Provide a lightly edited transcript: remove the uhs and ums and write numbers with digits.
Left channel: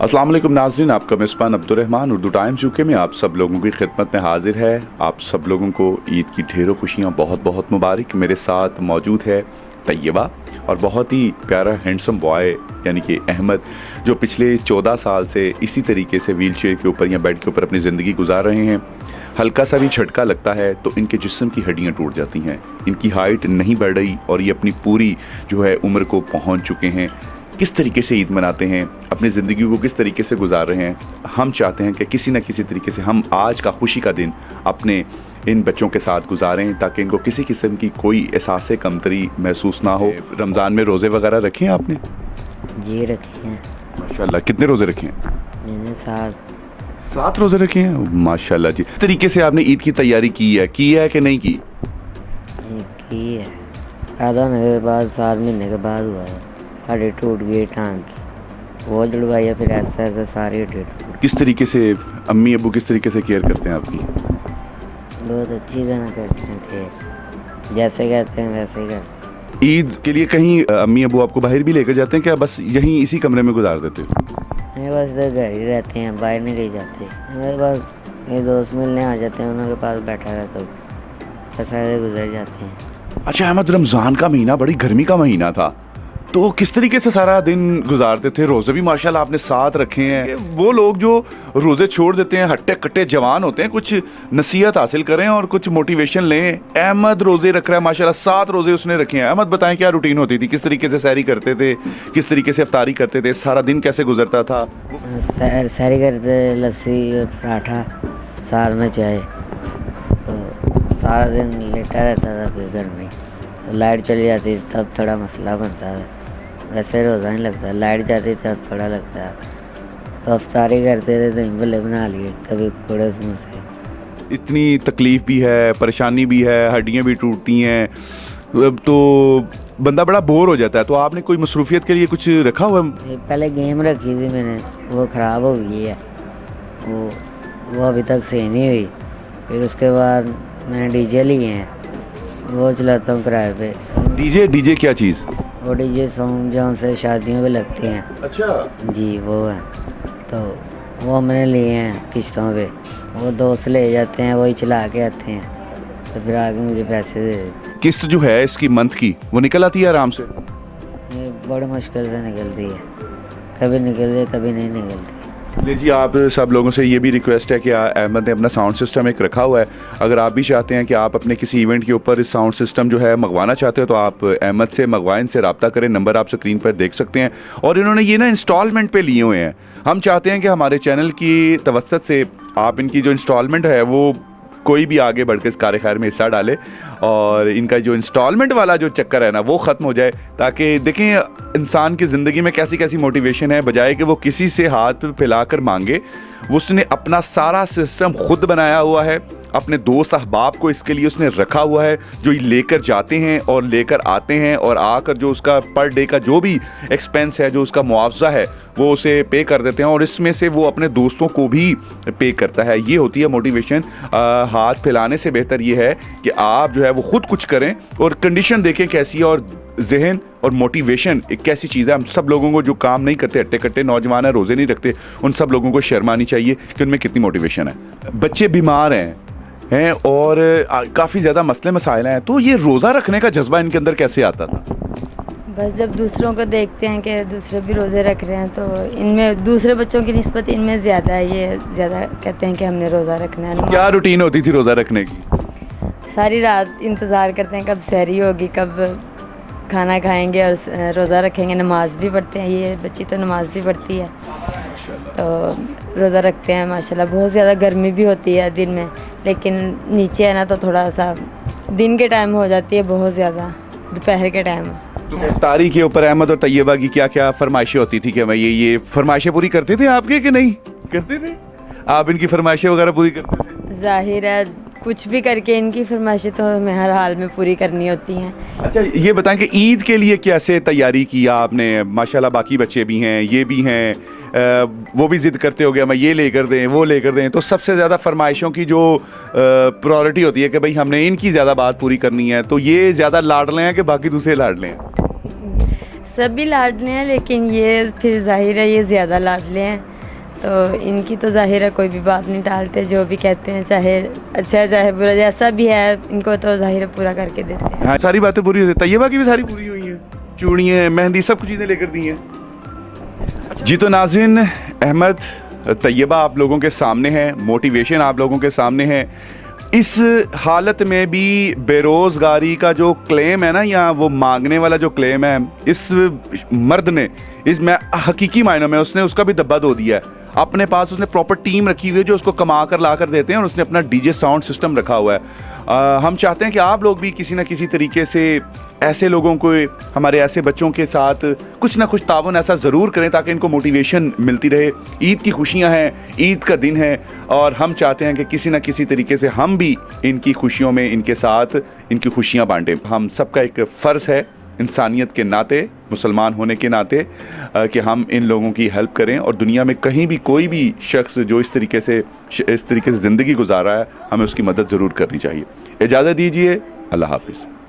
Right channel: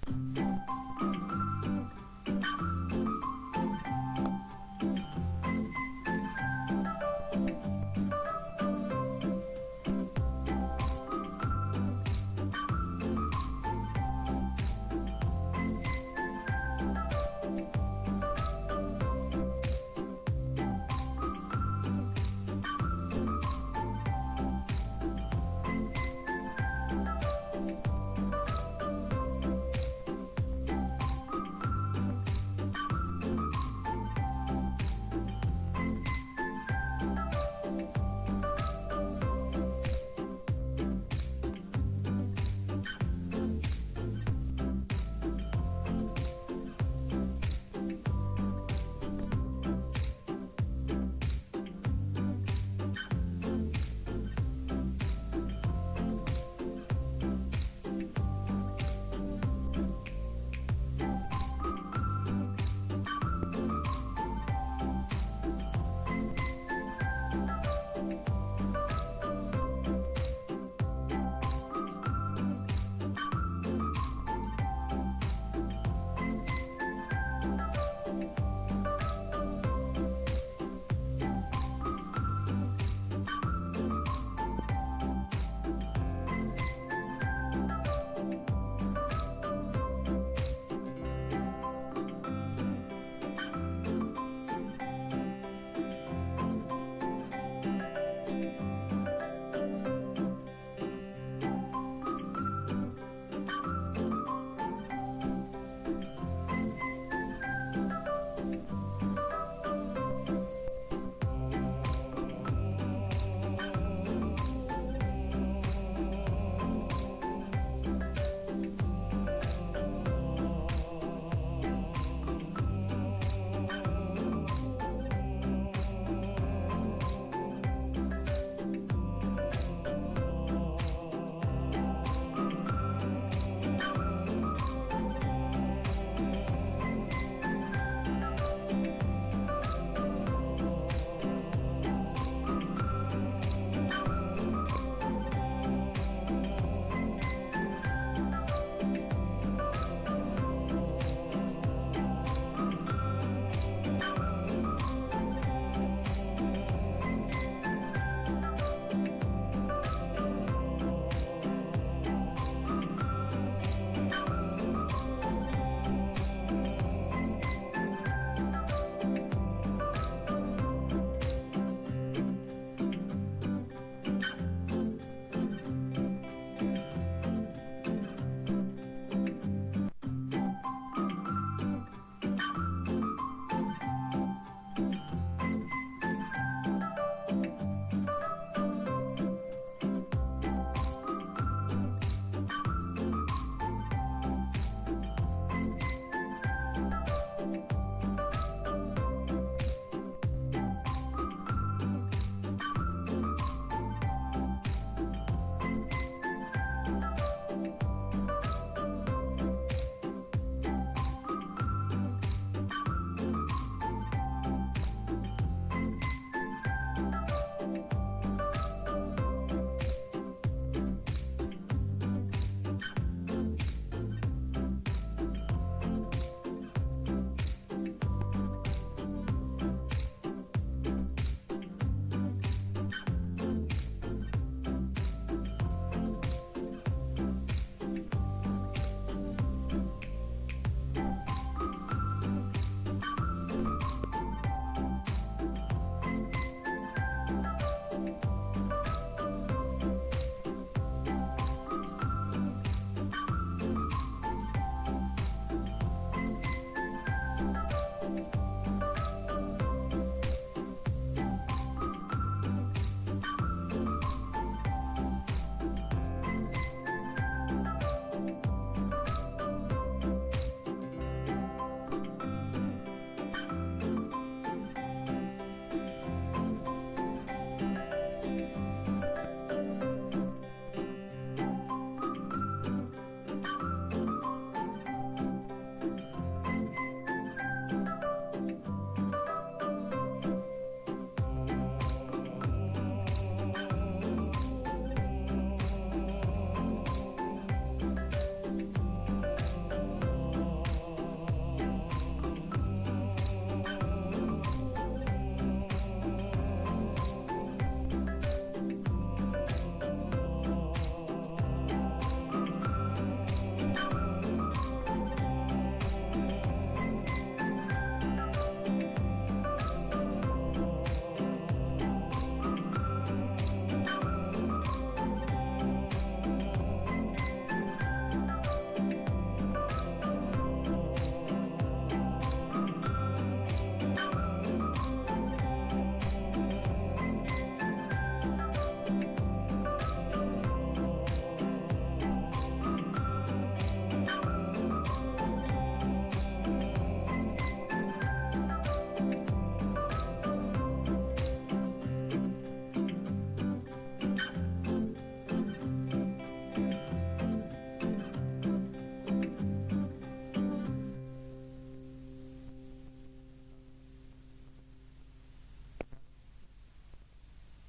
अस्सलाम वालेकुम नाज़रीन, आपका मेज़बान अब्दुर्रहमान उर्दू टाइम्स यूके में आप सब लोगों की खिदमत में हाजिर है। आप सब लोगों को ईद की ढेरों खुशियाँ बहुत बहुत मुबारक। मेरे साथ मौजूद है तैयबा और बहुत ही प्यारा हैंडसम बॉय यानी कि अहमद, जो पिछले 14 साल से इसी तरीके से व्हील चेयर के ऊपर या बेड के ऊपर अपनी ज़िंदगी गुजार रहे हैं। हल्का सा भी झटका लगता है तो इनके जिस्म की हड्डियाँ टूट जाती हैं, इनकी हाइट नहीं बढ़ रही और ये अपनी पूरी जो है उम्र को पहुँच चुके हैं। किस तरीके से ईद मनाते हैं, अपनी ज़िंदगी को किस तरीके से गुजार रहे हैं, हम चाहते हैं कि किसी न किसी तरीके से हम आज का खुशी का दिन अपने इन बच्चों के साथ गुजारें ताकि इनको किसी किस्म की कोई एहसास कमतरी महसूस ना हो। रमज़ान में रोज़े वगैरह रखे हैं आपने? जी रखे हैं। माशाल्लाह, कितने रोज़े रखे हैं? मैंने 7 रोज़े रखे हैं, माशाल्लाह जी। किस तरीके से आपने ईद की तैयारी की है कि नहीं की? है। पैदा होने के बाद 7 महीने के बाद हुआ है। हड्डी टूट गई टांग की, वो जुड़वाई है, फिर ऐसा ऐसा सारी हड्डी टूट। किस तरीके से अम्मी अबू किस तरीके से केयर करते हैं आपकी? बहुत अच्छी तरह करते हैं फिर जैसे कहते हैं वैसे ही करते हैं। ईद के लिए कहीं अम्मी अबू आपको बाहर भी लेकर जाते हैं क्या, बस यहीं इसी कमरे में गुजार देते हैं? मेरे पास तो घर ही रहते हैं, बाहर नहीं कहीं जाते। मेरे पास ये दोस्त मिलने आ जाते हैं, उनके पास बैठा रहता हूँ, बस ऐसे गुजर जाते हैं। अच्छा अहमद, रमज़ान का महीना बड़ी गर्मी का महीना था, तो किस तरीके से सारा दिन गुजारते थे? रोज़े भी माशाल्लाह आपने 7 रखे हैं। वो लोग जो रोज़े छोड़ देते हैं, हट्टे कट्टे जवान होते हैं, कुछ नसीहत हासिल करें और कुछ मोटिवेशन लें। अहमद रोज़े रख रहा है माशाल्लाह, 7 रोज़े उसने रखे हैं। अहमद बताएं क्या रूटीन होती थी, किस तरीके से सैरी करते थे, किस तरीके से इफ्तारी करते थे, सारा दिन कैसे गुजरता था? सैरी करते, लस्सी और पराठा, साथ में चाय, तो सारा दिन लेटा रहता था। फिर घर में तो लाइट चली जाती तब थोड़ा मसला बनता था, वैसे रोज़ा नहीं लगता। लाइट जाती तब थोड़ा लगता है। तो अफ्तारी करते थे, दही भल्ले बना लिए, कभी थोड़े समोसे। इतनी तकलीफ़ भी है, परेशानी भी है, हड्डियाँ भी टूटती हैं, तो बंदा बड़ा बोर हो जाता है। तो आपने कोई मसरूफियत के लिए कुछ रखा हुआ है? पहले गेम रखी थी मैंने, वो ख़राब हो गई है, वो अभी तक सही नहीं हुई। फिर उसके बाद मैंने डीजे लिए हैं, वो चलाता हूँ किराए पे। डीजे क्या चीज़? वो डीजे सॉन्ग जो से शादियों में लगते हैं। अच्छा जी वो है, तो वो हमने लिए हैं किश्तों पे। वो दोस्त ले जाते हैं, वही चला के आते हैं, तो फिर आगे मुझे पैसे दे देते हैं। किस्त जो है इसकी मंथ की वो निकल आती है आराम से? ये बड़ी मुश्किल से निकलती है, कभी निकलती कभी नहीं निकलती। ले जी, आप सब लोगों से ये भी रिक्वेस्ट है कि अहमद ने अपना साउंड सिस्टम एक रखा हुआ है। अगर आप भी चाहते हैं कि आप अपने किसी इवेंट के ऊपर इस साउंड सिस्टम जो है मंगवाना चाहते हो तो आप अहमद से मंगवाएं, इनसे रब्ता करें। नंबर आप स्क्रीन पर देख सकते हैं। और इन्होंने ये ना इंस्टॉलमेंट पे लिए हुए हैं। हम चाहते हैं कि हमारे चैनल की तवस्सत से आप इनकी जो इंस्टॉलमेंट है वो कोई भी आगे बढ़ के इस कार खैर में हिस्सा डाले और इनका जो इंस्टॉलमेंट वाला जो चक्कर है ना वो ख़त्म हो जाए, ताकि देखें इंसान की ज़िंदगी में कैसी कैसी मोटिवेशन है। बजाय कि वो किसी से हाथ फैलाकर मांगे, उसने अपना सारा सिस्टम खुद बनाया हुआ है। अपने दोस्त अहबाब को इसके लिए उसने रखा हुआ है, जो लेकर जाते हैं और लेकर आते हैं, और आकर जो उसका पर डे का जो भी एक्सपेंस है, जो उसका मुआवजा है, वो उसे पे कर देते हैं और इसमें से वो अपने दोस्तों को भी पे करता है। ये होती है मोटिवेशन। हाथ फैलाने से बेहतर ये है कि आप जो है वो खुद कुछ करें और कंडीशन देखें कैसी है। और जहन और मोटिवेशन एक कैसी चीज़ है। हम सब लोगों को जो काम नहीं करते, हट्टे कट्टे नौजवान है, रोज़े नहीं रखते, उन सब लोगों को शर्म आनी चाहिए कि उनमें कितनी मोटिवेशन है। बच्चे बीमार हैं और काफ़ी ज़्यादा मसले मसाइल हैं, तो ये रोज़ा रखने का जज्बा इनके अंदर कैसे आता था? बस जब दूसरों को देखते हैं कि दूसरे भी रोज़े रख रहे हैं, तो इनमें दूसरे बच्चों की निस्बत इनमें ज़्यादा है। ये ज़्यादा कहते हैं कि हमने रोज़ा रखना है। क्या रूटीन होती थी रोज़ा रखने की? सारी रात इंतज़ार करते हैं कब सहरी होगी, कब खाना खाएंगे और रोज़ा रखेंगे। नमाज भी पढ़ते हैं, ये बच्ची तो नमाज भी पढ़ती है, तो रोज़ा रखते हैं माशाल्लाह। बहुत ज़्यादा गर्मी भी होती है दिन में, लेकिन नीचे है ना तो थोड़ा सा दिन के टाइम हो जाती है बहुत ज़्यादा, दोपहर के टाइम। तो इफ्तारी के ऊपर अहमद और तैयबा की क्या क्या फरमाइशें होती थी कि मैं ये फरमाइशें पूरी करते थे आपके कि नहीं करते थे? आप इनकी फरमाइशें वगैरह पूरी करते थे? जाहिर है कुछ भी करके इनकी फरमाइशें तो हमें हर हाल में पूरी करनी होती हैं। अच्छा ये बताएं कि ईद के लिए कैसे तैयारी की आपने? माशाल्लाह बाकी बच्चे भी हैं, ये भी हैं, वो भी ज़िद करते हो गया मैं ये लेकर दें वो लेकर दें, तो सबसे ज़्यादा फरमाइशों की जो प्रायोरिटी होती है कि भाई हमने इनकी ज़्यादा बात पूरी करनी है, तो ये ज़्यादा लाडले हैं कि बाकी दूसरे लाडले हैं? सभी लाडले हैं, लेकिन ये फिर जाहिर है ये ज़्यादा लाडले हैं, तो इनकी तो जाहिर है कोई भी बात नहीं टालते, जो भी कहते हैं चाहे अच्छा है चाहे बुरा, जैसा भी है इनको तो जाहिर है पूरा करके देते हैं। हाँ, सारी बातें पूरी होती, तैयबा की भी सारी पूरी हुई हैं, चूड़ियाँ मेहंदी सब कुछ चीज़ें लेकर दी हैं। जी तो नाज़रीन, अहमद तैयबा आप लोगों के सामने है, मोटिवेशन आप लोगों के सामने है। इस हालत में भी बेरोज़गारी का जो क्लेम है ना, या वो मांगने वाला जो क्लेम है, इस मर्द ने इसमें हकीकी मायनों में उसने उसका भी दब्बा दो दिया है। अपने पास उसने प्रॉपर टीम रखी हुई है जो उसको कमा कर ला कर देते हैं, और उसने अपना डीजे साउंड सिस्टम रखा हुआ है। हम चाहते हैं कि आप लोग भी किसी ना किसी तरीके से ऐसे लोगों को, हमारे ऐसे बच्चों के साथ कुछ ना कुछ ताउन ऐसा ज़रूर करें ताकि इनको मोटिवेशन मिलती रहे। ईद की खुशियां हैं, ईद का दिन है, और हम चाहते हैं कि किसी ना किसी तरीके से हम भी इनकी खुशियों में इनके साथ इनकी खुशियां बांटें। हम सबका एक फ़र्ज़ है इंसानियत के नाते, मुसलमान होने के नाते, कि हम इन लोगों की हेल्प करें, और दुनिया में कहीं भी कोई भी शख्स जो इस तरीके से ज़िंदगी गुजार रहा है, हमें उसकी मदद ज़रूर करनी चाहिए। इजाज़त दीजिए, अल्लाह हाफ़िज़।